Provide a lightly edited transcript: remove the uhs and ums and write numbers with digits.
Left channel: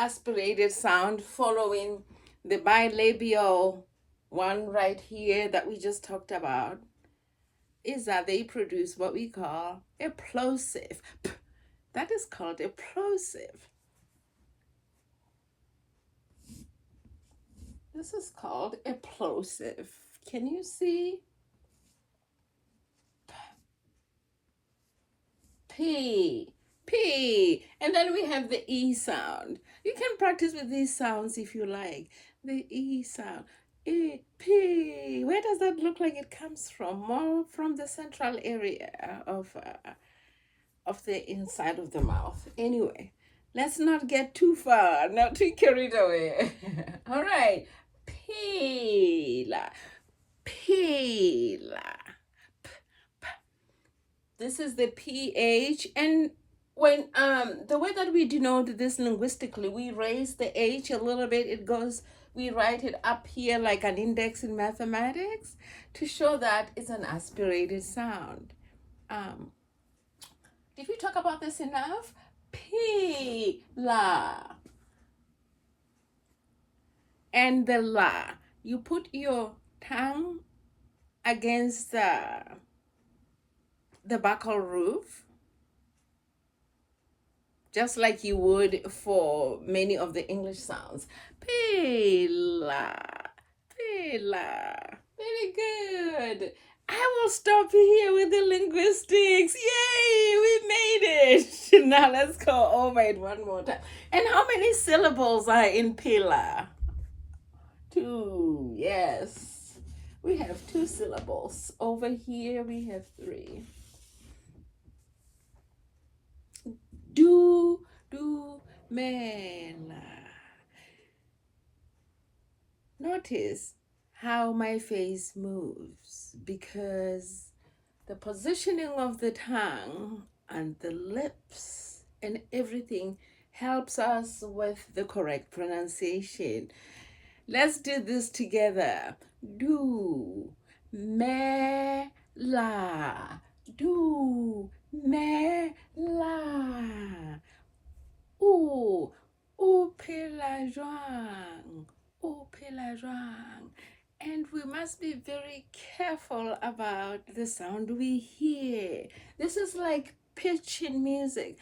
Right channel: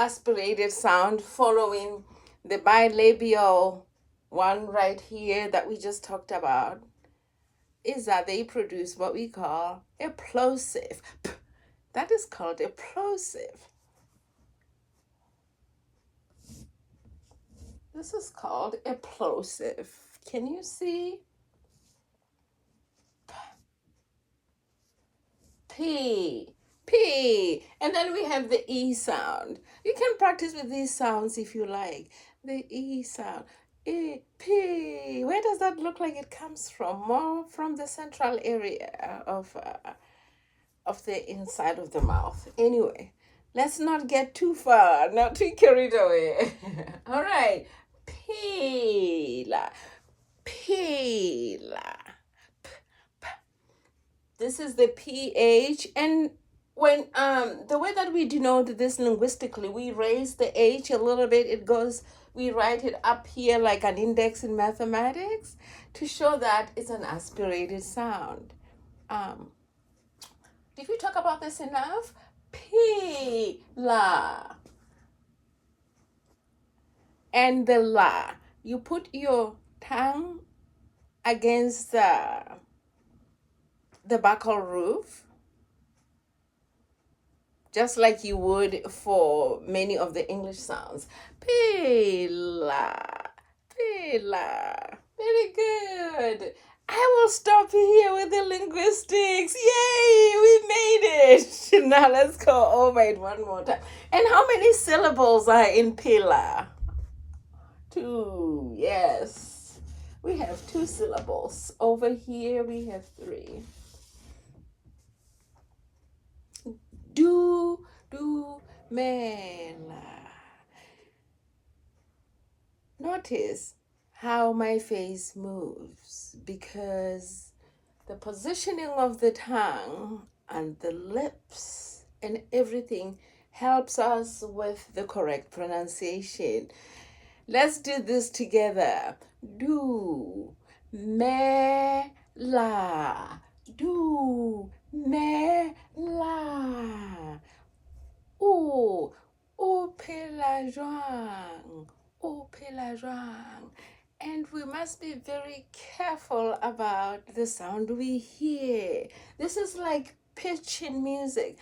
aspirated sound following the bilabial one right here that we just talked about is that they produce what we call a plosive. That is called a plosive. This is called a plosive. Can you see? P, P. And then we have the E sound. You can practice with these sounds if you like. The E sound. E, P. Where does that look like it comes from? More from the central area of the inside of the mouth. Anyway, let's not get too far, not too carried away. All right. Pela, pela. This is the PH, and when the way that we denote this linguistically, we raise the H a little bit. It goes, we write it up here like an index in mathematics to show that it's an aspirated sound. Did we talk about this enough? Pela. And the la. You put your tongue against the buccal roof, just like you would for many of the English sounds. Pela, pela. Very good. I will stop here with the linguistics. Yay, we made it. Now let's go over it one more time. And how many syllables are in pela? 2, yes. We have 2 syllables. Over here we have 3. Dumela. Notice how my face moves because the positioning of the tongue and the lips and everything helps us with the correct pronunciation. Let's do this together. Do, me, la. Do, me, la. O pela jwang. O pela jwang. And we must be very careful about the sound we hear. This is like pitch in music.